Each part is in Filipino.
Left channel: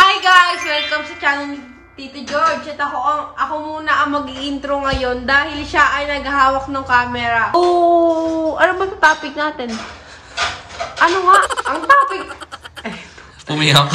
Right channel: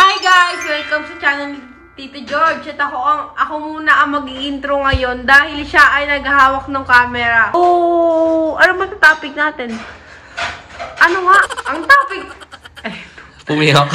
Hi guys! Welcome sa channel ni Tito George. At ako muna ang mag-i-intro ngayon dahil siya ay naghahawak ng camera. Oh, ano ba sa topic natin? Ano nga? Ang topic... Umiyak.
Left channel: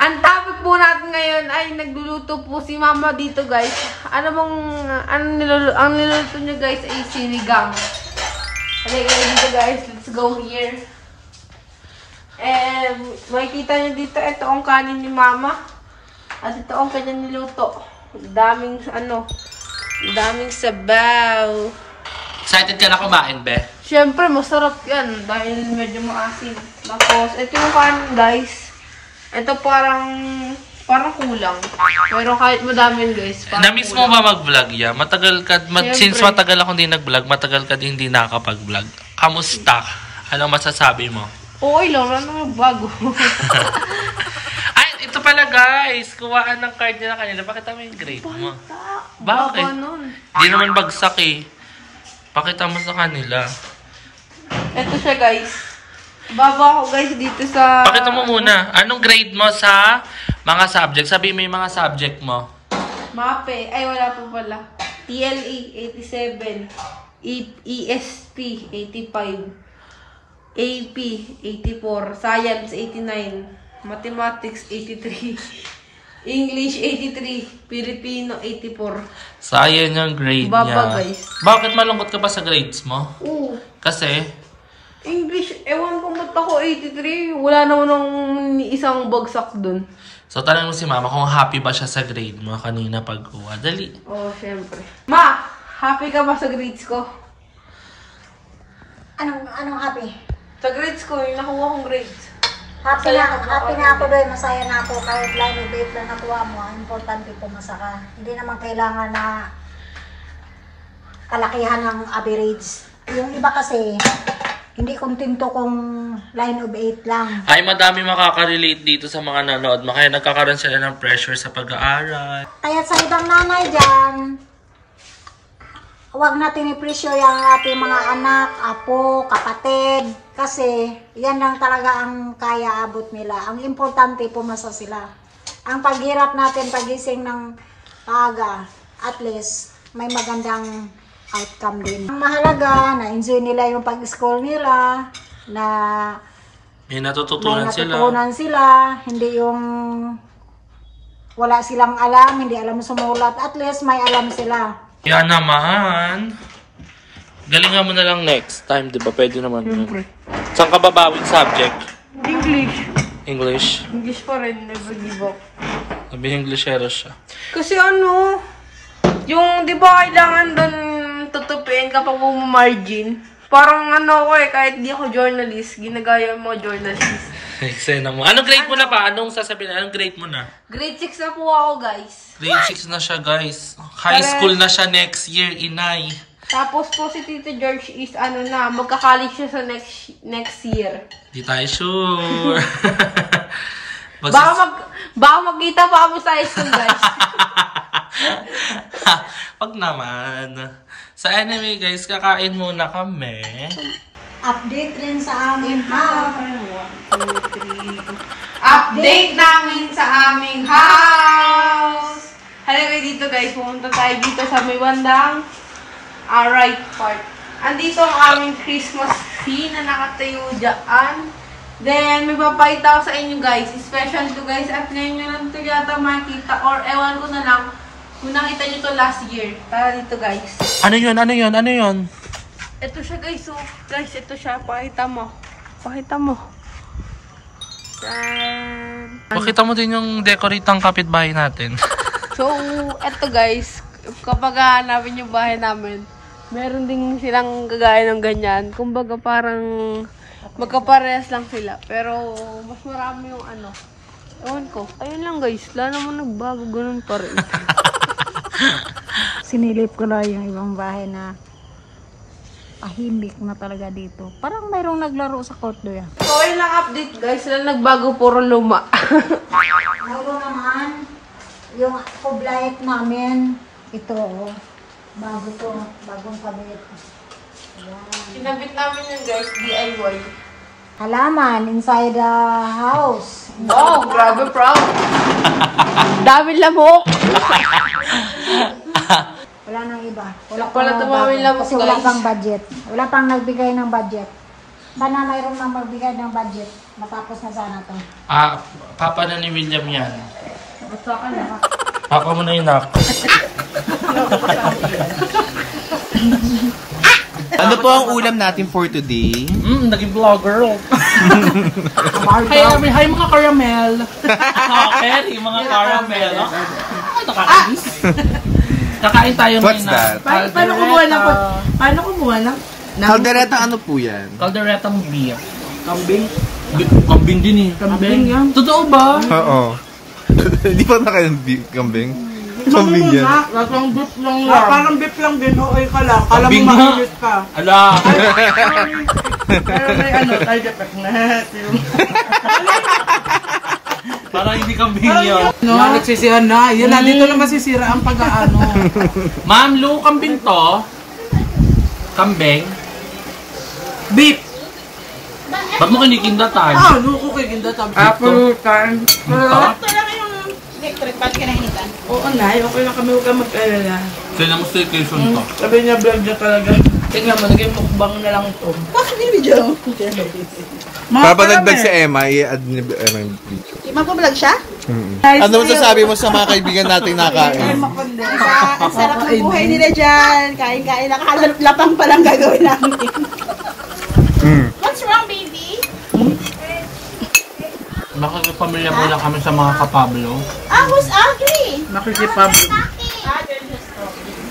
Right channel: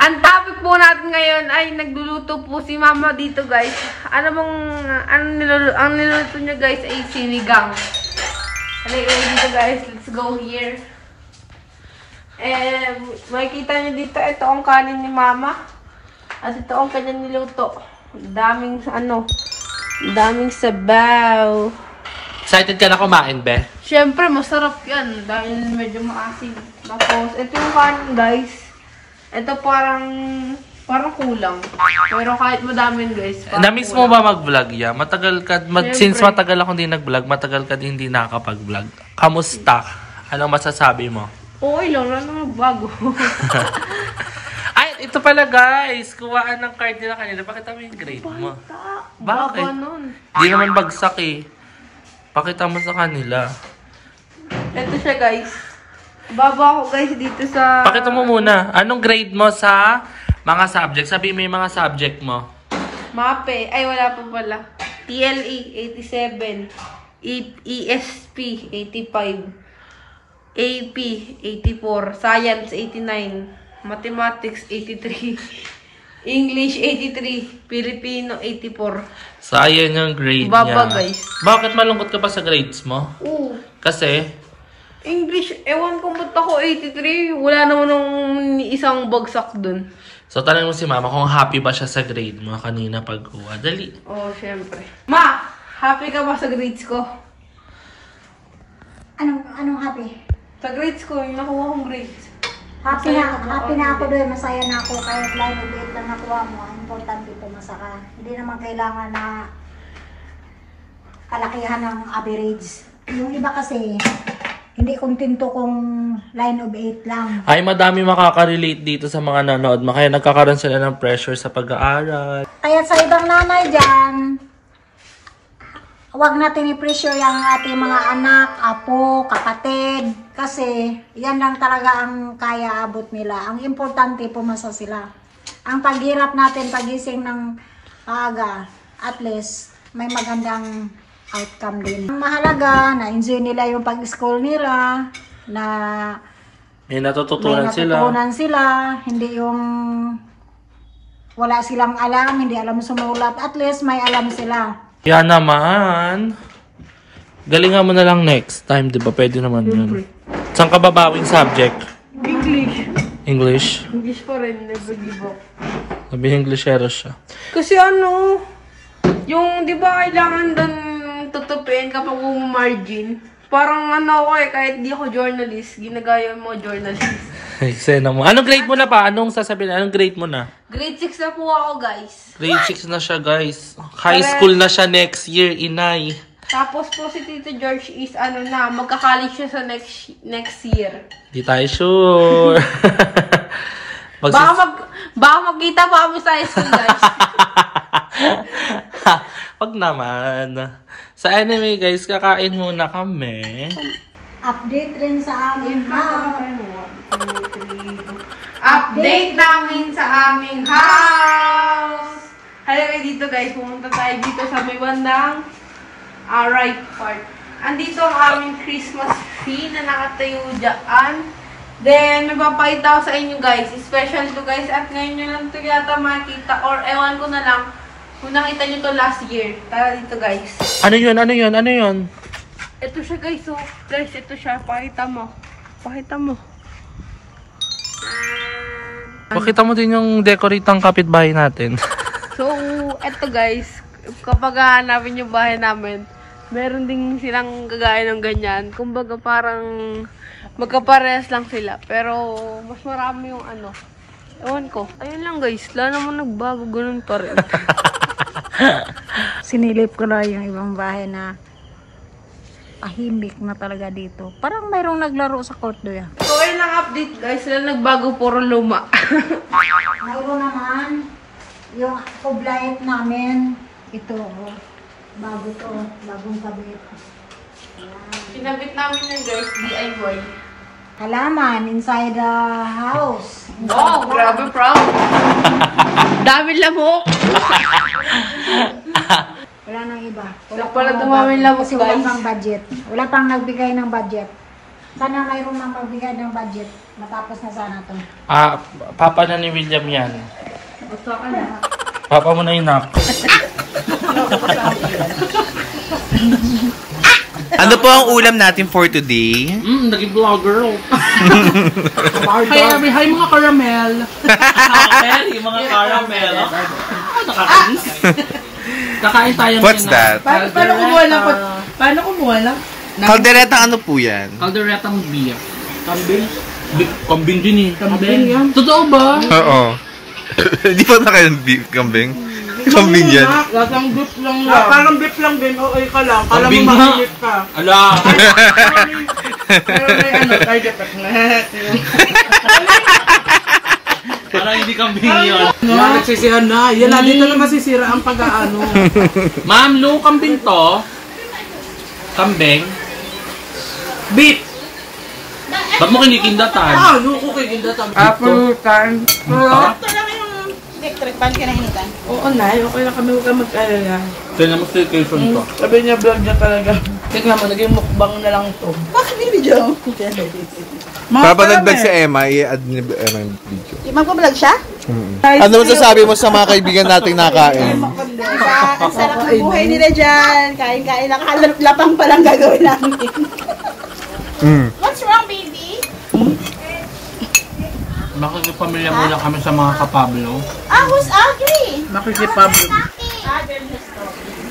Ang topic po natin ngayon ay nagluluto po si Mama dito guys. Ang niluluto niya guys ay sinigang. Halika dito guys, let's go here. Makikita niyo dito, ito ang kanin ni Mama. At ito ang kanyang niluto. Daming sabaw. Excited ka na kumain, Beth? Siyempre, masarap yan. Dahil medyo maasin. Tapos, ito yung kanin, guys. Ito parang kulang. Pero kahit madami yun, guys. Na-miss mo ba mag-vlog yan? Since matagal ako hindi nag-vlog, matagal ka din hindi nakakapag-vlog. Kamusta? Ano masasabi mo? Okay lang, wala namang bago. Ay, ito pala guys. Kuhaan ng card nila kanina. Pakita mo yung grade mo. Bakit? Hindi naman bagsak eh. Pakita mo sa kanila. Ito siya guys. Baba ako guys dito sa... Pakita mo muna. Anong grade mo sa mga subject? Sabi mo yung mga subject mo. MAPE. Ay, wala pa pala. TLE, 87. ESP, 85. AP, 84. Science, 89. Mathematics, 83. English, 83. Filipino, 84. Sayang yung grade Baba, niya. guys. Bakit malungkot ka pa sa grades mo? Oo. Kasi? English, ewan ko ba't ako 83. Wala naman ng isang bagsak dun. So, tanong mo si Mama kung happy ba siya sa grade mo kanina pagkuha. Dali. Oo, syempre. Ma, happy ka ba sa grades ko? Anong happy? Sa grades ko, yung nakuha kong grades. Happy na ako doon, masaya na ako kahit line of 8 na nakuha mo. Importante pumasa ka. Hindi naman kailangan na kalakihan ng average. Yung iba kasi, hindi kontento kung line of 8 lang. Ay, madami makaka-relate dito sa mga nanood mo. Kaya nagkakaroon sila ng pressure sa pag-aaral. Kaya sa ibang nanay dyan, huwag natin i-pressure yung ating mga anak, apo, kapatid. Kasi yan lang talaga ang kaya abot nila. Ang importante, pumasa sila. Ang paghirap natin, pagising ng aga, at least may magandang outcome din. Ang mahalaga, na-enjoy nila yung pag-school nila, na May natututunan sila. Hindi yung wala silang alam, hindi alam sumulat. At least may alam sila. Kaya naman, galingan mo na lang next time, di ba? Pwede naman. Siyempre. Saan ka ba bakit subject? English. English? English pa rin, never give up. Sabi Englishero siya. Kasi yung di ba kailangan doon tutupin kapag margin? Parang ako kahit di ako journalist, ginagaya mo journalist. Eksena mo. Anong grade mo na pa? Anong sasabihin? Anong grade mo na? Grade 6 na po ako, guys. Grade 6 na siya, guys. High school na siya next year, inay. Tapos po si Tito George is magka-college siya sa next year. Di tayo sure. Baka magkita pa kami sa high school, guys. Wag naman. Sa anime, guys, kakain muna kami. Update rin sa amin ha. Update namin sa aming house! Halika dito guys, pumunta tayo dito sa may bandang right part. Andito ang aming Christmas tree na nakatayo dyan. Then, may papakita ko sa inyo guys. Special to guys. At ngayon nyo lang ito yata makikita. Or ewan ko na lang kung nakita nyo to last year. Tara dito guys. Ano yun? Ano yun? Ano yun? Ito siya guys. So, guys, ito siya. Pakita mo. Pakita mo. Pakita mo din yung decorate ng kapitbahay natin. So, eto guys, kapag hahanapin yung bahay namin, meron din silang kagaya ng ganyan. Kumbaga parang magkaparehas lang sila. Pero mas marami yung ewan ko. Ayun lang guys, wala naman nagbago, ganun pa rin. Sinilip ko na yung ibang bahay na tahimik na talaga dito. Parang mayroong naglaro sa court doon. So, ayun lang update guys, sila nagbago, puro luma. Mayroon naman yung kublight namin. Ito, bago to, bagong kabit. Ayan. Sinabit namin yun guys, DIY. halaman inside the house. Wow, grabe proud. Dami lamok. Wala nang iba. Wala tumawin lamok, kasi wala guys. pang budget. Wala pang nagbigay ng budget. Sana mayroon nang magbigay ng budget. Matapos na sana to. Papa na ni William yan. Gusto ka na. Papa mo na yun, nak. Ano po ang ulam natin for today? Naging vlogger. Hi mga caramel. Okay, yung mga caramel. Nakakainis. Kakain tayo What's that? Paano kumuha lang? Kaldereta ano po yan? Calderetang beer. Kambing? Kambing din eh. Kambing yan. Totoo ba? Oo. Hindi pa na kayo kambing? Kambing yan. Lasang beef lang Parang beef lang din. Okay ka lang. Kala mo Kambing nga. makilit ka. Ala. Pero may target attack na. Parang hindi kambing yun. Nagsisihan na. Yan na, dito na masisira ang pag-aano. Ma'am, low kambing to. Kambing. Beef. Ba't mo kinikindatan? Luko kay Ginda tabi. Kan. Oo na, okay na kami. Huwag ka mag-alala. Saan naman staycation ko? Sabi niya, vlog niya talaga. Tingnan mo, naging mukbang na lang to. Bakit may video? Papanagdag si Emma, i-add ni Emma yung video. Magpa-vlog siya? Ano sasabi mo sa mga kaibigan nating nakain? Ang sarap ng buhay nila dyan. Kain-kain. Nakakalapang pa lang gagawin namin. What's wrong, baby? Makikipamilya muna kami sa mga kapablo. Who's ugly? Makikipablo.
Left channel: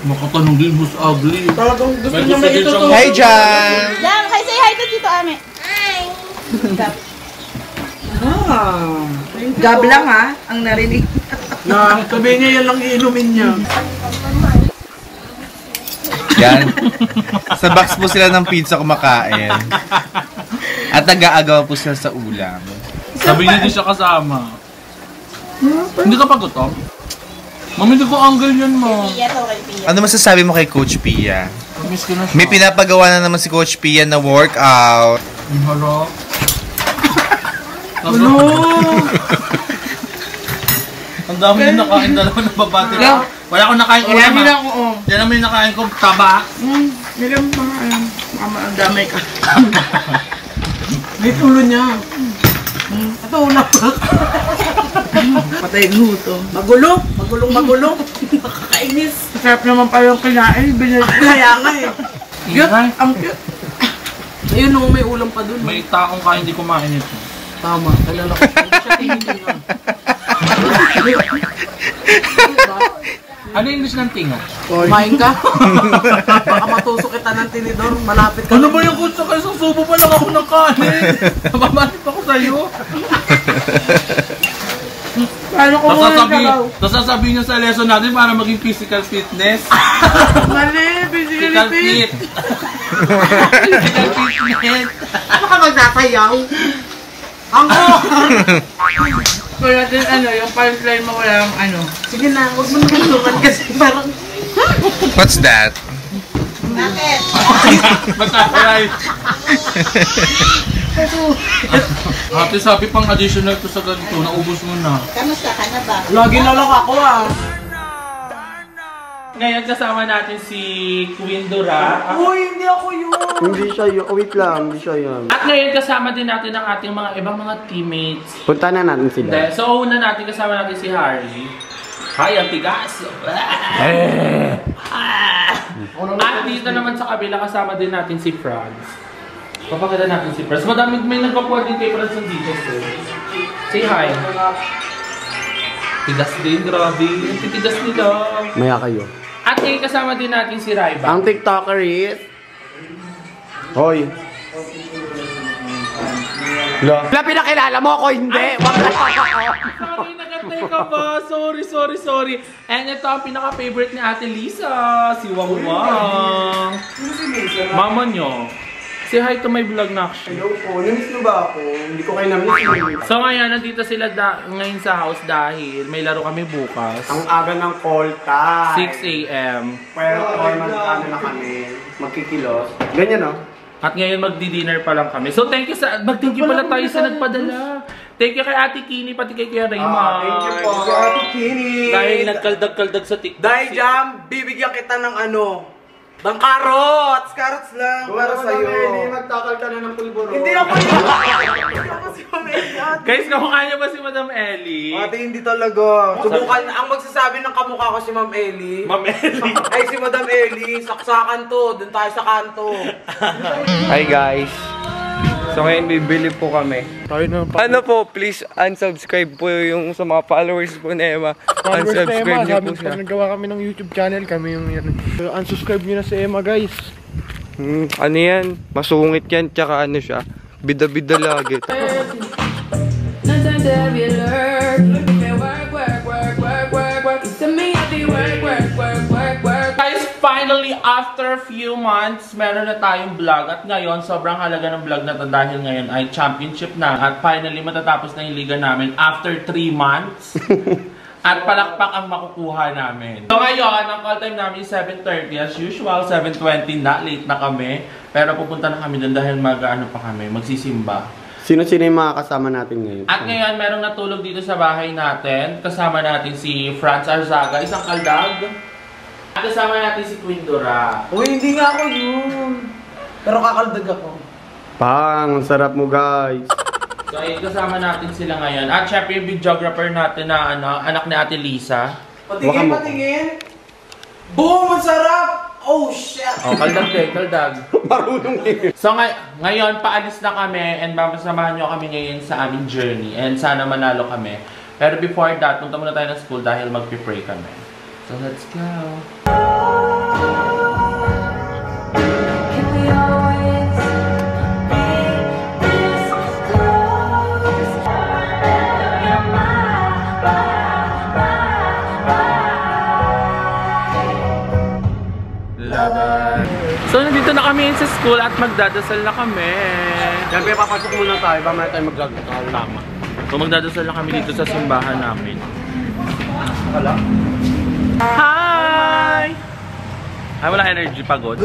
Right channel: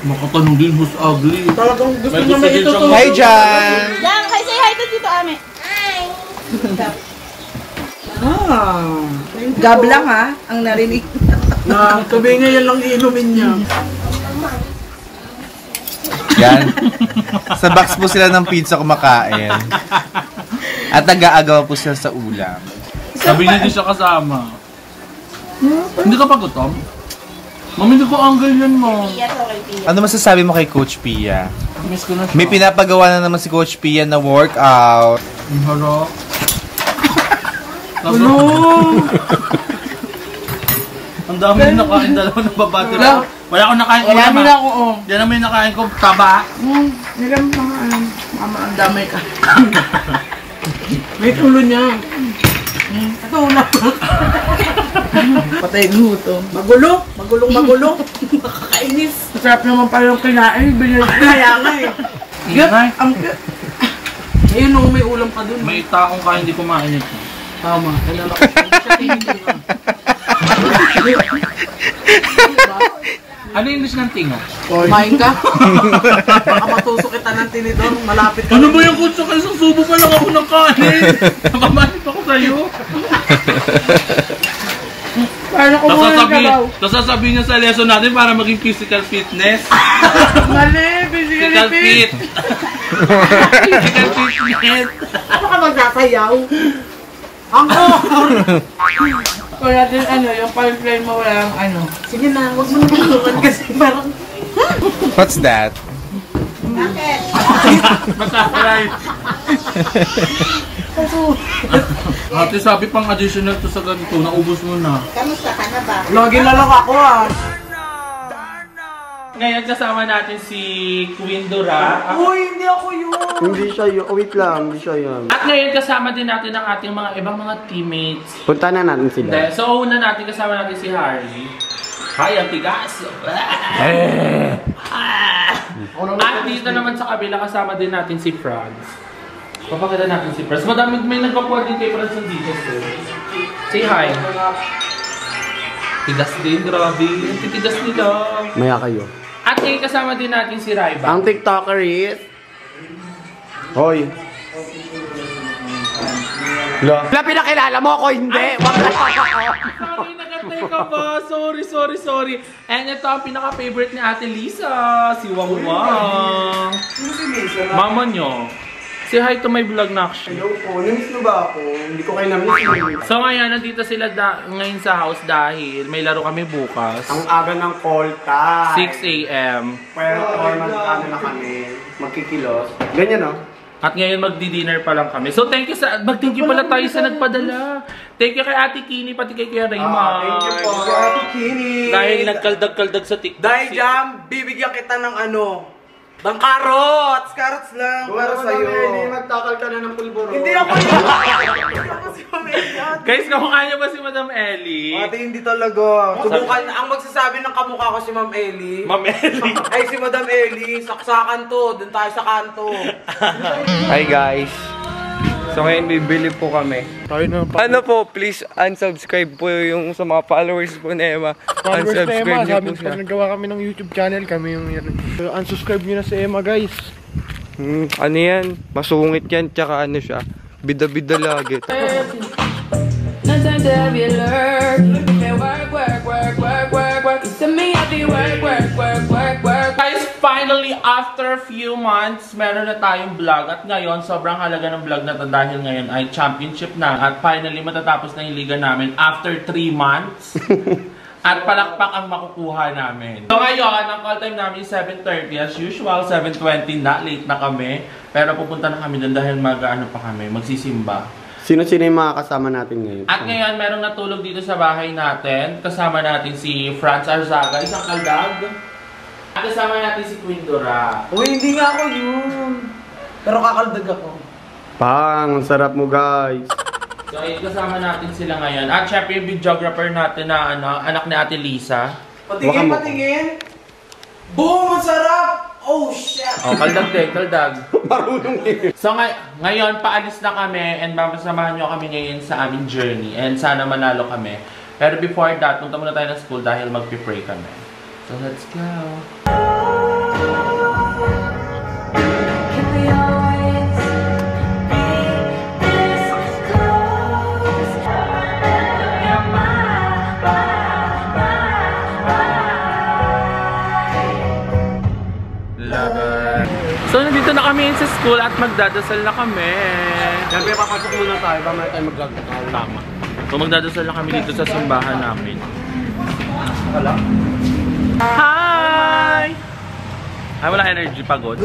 Makatanong din who's ugly. Talagang gusto May niya gusto din siyang- Hi, Jan! Jan, say hi to Tito Ame. Hi. Gab lang ha, ang narinig. Na, sabihin niya yan lang iinumin niya. Yan. Sa box po sila ng pizza kumakain. At nag-aagaw po sila sa ulam. Sabi niya di siya kasama. Hindi ka pa gutom? Mami, hindi ko angle yan mo. Pia to kay Pia. Ano masasabi mo kay Coach Pia? Miss ko na siya. May pinapagawa na naman si Coach Pia na workout. Ang harap. Ano? Ang dami na nakain, dalawa ng babati na. Wala akong nakain ko Marami na naman. ako, oh. Yan naman yung nakain ko, taba. Meron mo, mama, ang dami ka. May tulo niya. Ito, una pa. Patay luto. Magulong. Nakakainis. Masarap naman pa yung kinain. Kaya nga eh. Ingay. Ang cute. Ayun nung may ulam pa dun. May taong kain, hindi kumain ito. Tama. Kalala ko. Siya tingin nga. Ano yung English ng tinga? Kumain ka? Baka matusok kita ng tinidor. Malapit ka. Ano ba yung kutsa ka? Isang subo pa lang ako ng kanin. Napamanip ako sa'yo. Paano ko muna sabaw? Tapos sasabihin niya sa lesson natin para maging physical fitness. Mali. Physical fit. Physical fitness. Baka magsasayaw. Ako! Kaya natin yung punchline mo walang Sige na, huwag mo nagulukan kasi parang... What's that? Bakit? Matakalay. Ate, sabi pang additional to sa ganito, naubos mo na. Kamusta ka na ba? Lagi na lang ako Ngayon kasama natin si Queen Dora. Uy, hindi ako yun! Hindi siya yun. Oh, wait lang, hindi siya yun. At ngayon kasama din natin ang ating mga ibang mga teammates. Punta na natin sila. So una natin kasama natin si Harley. Hi, ang tigas! At dito naman sa kabila kasama din natin si Franz. Papakita natin si Franz. Madami may nagpapuan din kay Franz dito. So. Say hi. Tigas din, grabe. Ang titigas nila. Maya kayo. At ngayon kasama din natin si Raiba. Ang TikToker is... Hoy. Wala pinakilala mo ako, hindi. Sorry, nagatay ka ba? Sorry. And ito ang pinaka-favorite ni Ate Lisa. Si Wang Wang. Mama nyo. Say hi to my vlog na actually. Hello po, namiss mo ba ako? Hindi ko kayo namiss. So ngayon, nandito sila ngayon sa house dahil may laro kami bukas. Ang aga ng call time. 6 AM. Pero magkano na kami. Magkikilos. Ganyan, no? At ngayon magdi-dinner pa lang kami. So thank you mag-thank you pala tayo sa nagpadala. Thank you kay Ate Kini, pati kay Kuya Raymond. Thank you po. Ate Kini. Dahil nagkaldag-kaldag sa TikTok. Dahil dyan, bibigyan kita ng ng carrots! Carrots lang para sa'yo. Hindi magtakal ka na ng pulburo. Hindi ako si Ma'am Ellie. Guys, kamukha niya ba si Madam Ellie? Ate, hindi talaga. Subukan, ang magsasabi ng kamukha ko si Ma'am Ellie. Ma'am Ellie. Ay, si Madam Ellie. Saksakan to. Doon tayo sa kanto. Hi guys. So ngayon bibili po kami. Ano po, please unsubscribe po yung sa mga followers po ni Emma. Unsubscribe niyo po siya. Nagawa kami ng YouTube channel, kami yung yan. So, unsubscribe nyo na si Emma, guys. Ano yan? Masungit yan, tsaka ano siya. Bida-bida lagi. Guys, finally, after a few months, meron na tayong vlog. At ngayon, sobrang halaga ng vlog na to dahil ngayon ay championship na. At finally, matatapos na yung liga namin after 3 months. At palakpak ang makukuha namin. So ngayon, ang call time namin is 7:30 as usual. 7:20 na, late na kami. Pero pupunta na kami doon dahil magsisimba. Sino-sino yung mga kasama natin ngayon? At ngayon, merong natulog dito sa bahay natin. Kasama natin si Franz Arzaga, isang kaldag. At kasama natin si Queen Dora. Uy, hindi nga ako yun. Pero kakaldag ako. Pang, sarap mo guys. So, ayun, kasama natin sila ngayon. At syempre yung videographer natin na anak ni Ate Lisa. Patingin, patingin. Boom! Ang sarap! Oh, shit! Oh, kaldag din, kaldag. Marunong eh. So, ngayon, paalis na kami and mamasamahan nyo kami ngayon sa aming journey. And sana manalo kami. Pero before that, punta muna tayo ng school dahil mag-pray kami. So, let's go! So, nandito na kami sa school at magdadasal na kami. Siyempre, papasok muna tayo. Mamaya tayo mag-vlog. Tama. So, magdadasal na kami dito sa simbahan namin. Wala? Hi! Ay, wala energy, pagod.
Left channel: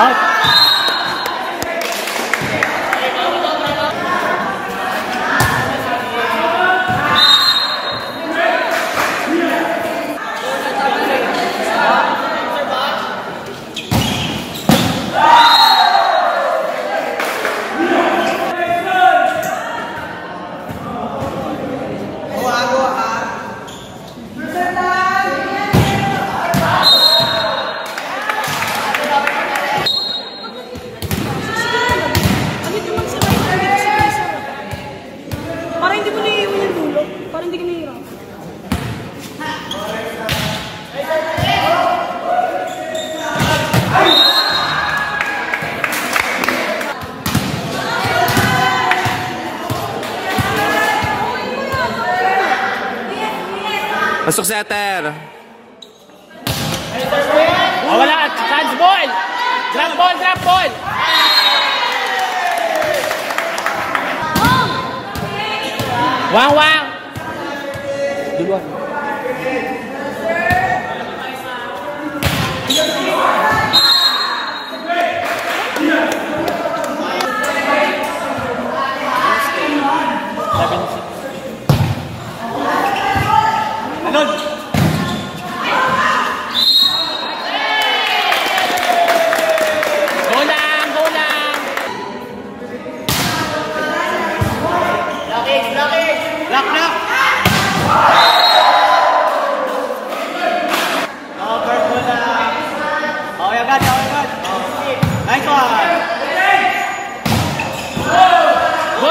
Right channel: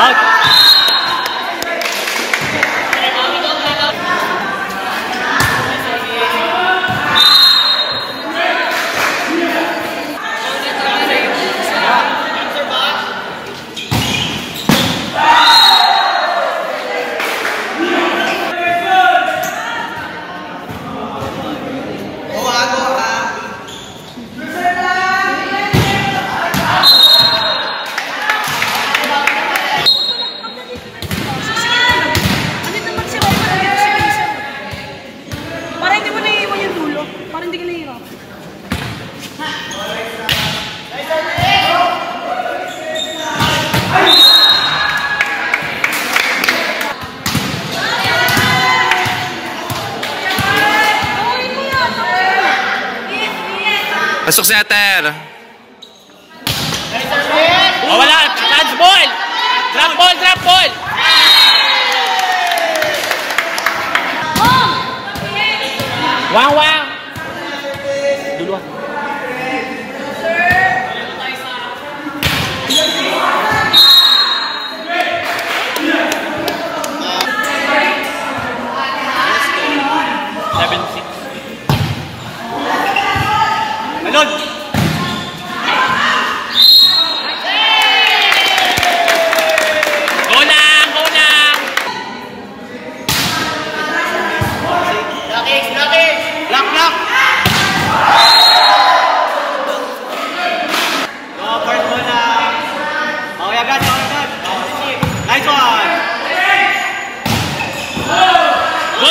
Out! Pasok setter. Oh, wala. Chance ball. Drop ball, drop ball. Wang, wang. Duluan.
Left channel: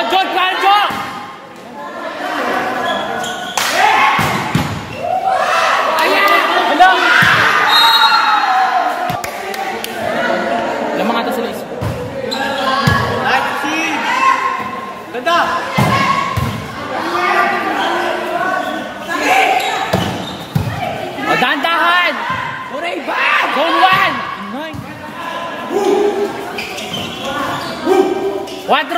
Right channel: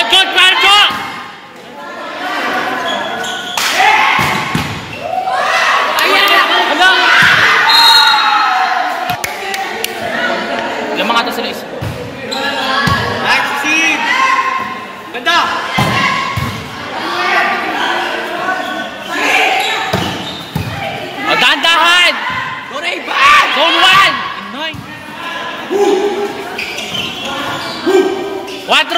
Good, Marco! Lamang ata sila isa. Nice seed! Ganda! O, dahan-dahan! Zone 1! 4!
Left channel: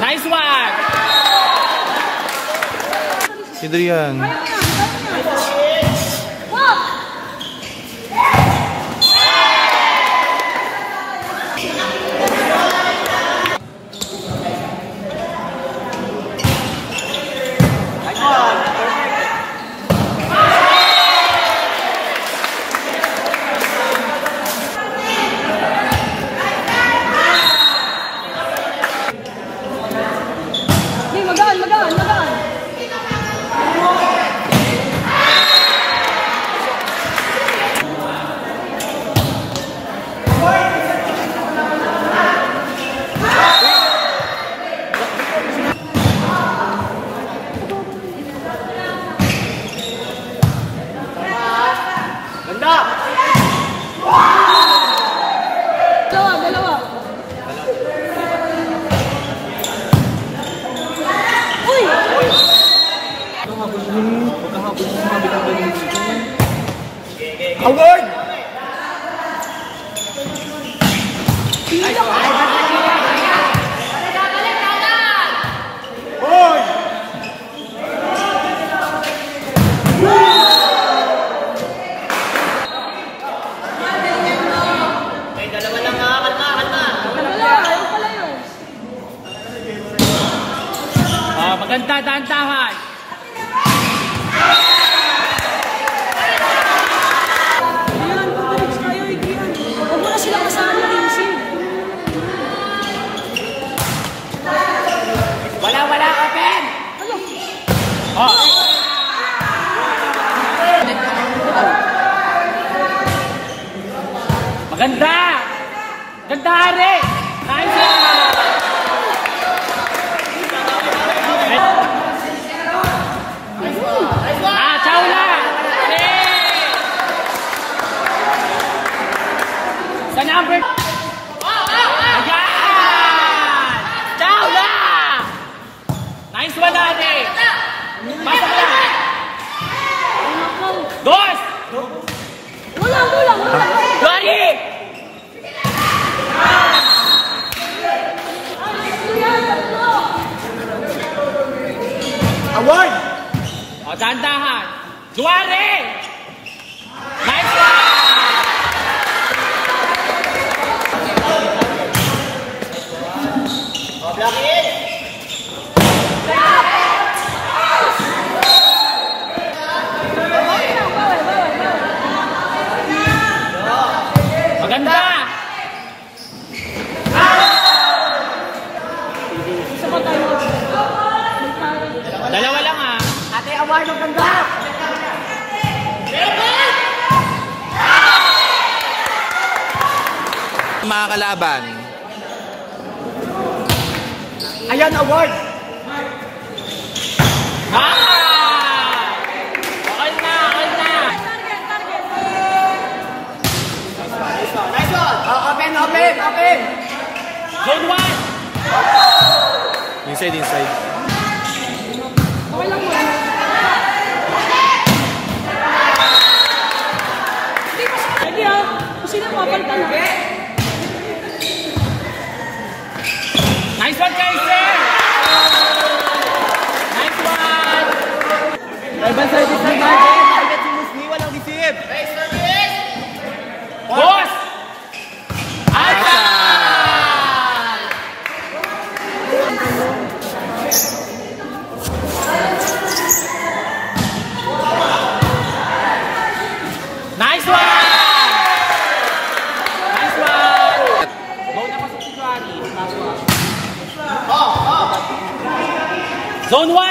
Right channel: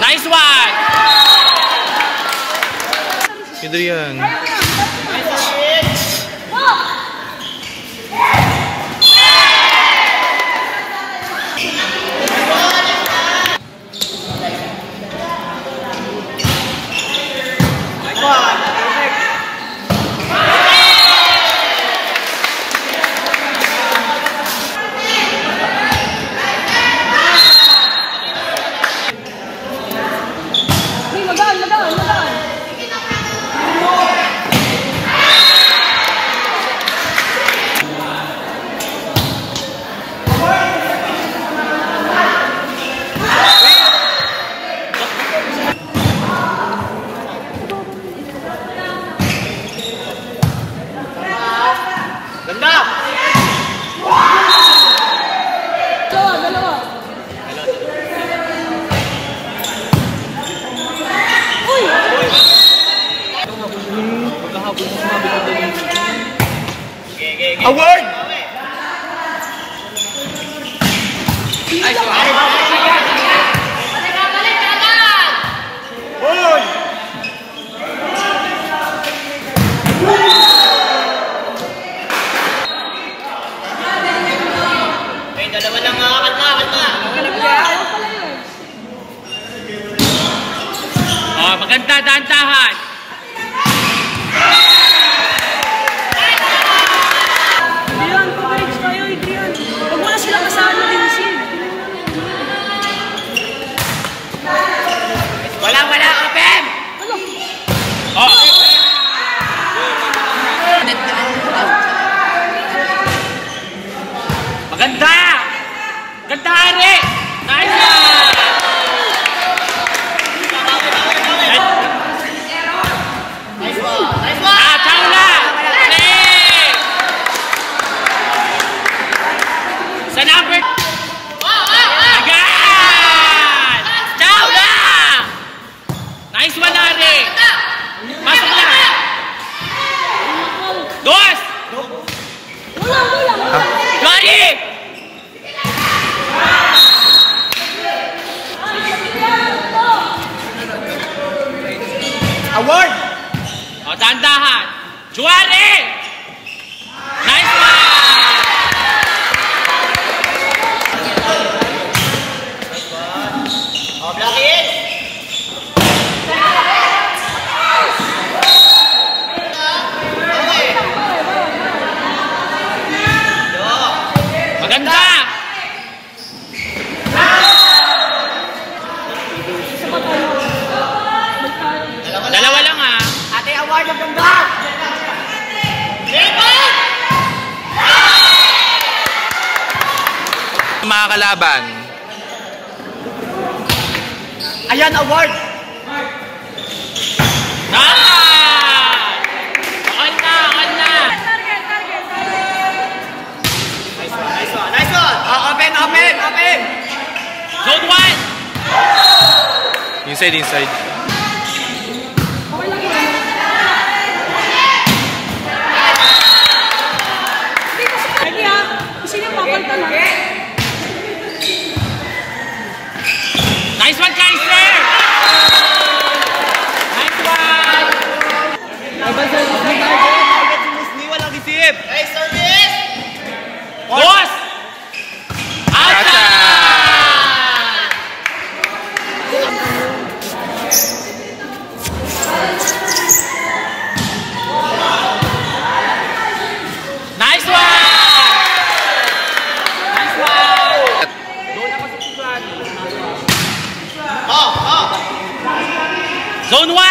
Nice one! Adrian. Award! Maganda, dahan-dahan. Wala, open! Oh! Maganda! Ganda, Ari! Nice one! Sa number... Agad! Ciao na! Nice one, Ari! Pasok lang! Dos! Gori! Award! O, dahan-dahan! Juare! Nice one! Maganda! Dalawa lang ha. Ate, award ng ganda! Mga kalaban. Ayan, award! Okay na! Nice one! Open! Zone 1! Inside. Nice one, Kaiser! Nice one! Boss! Ata! Nice one! Nice one! Zone 1!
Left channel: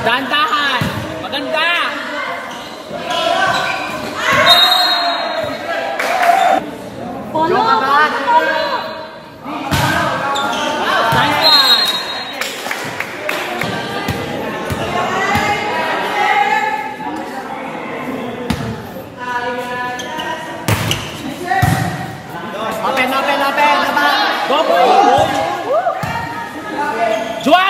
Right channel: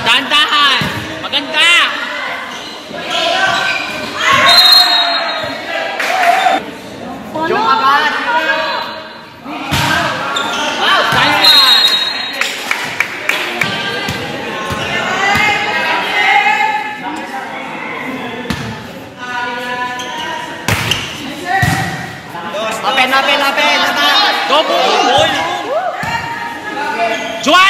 Dahan-dahan! Maganda! Open! Go! Juan!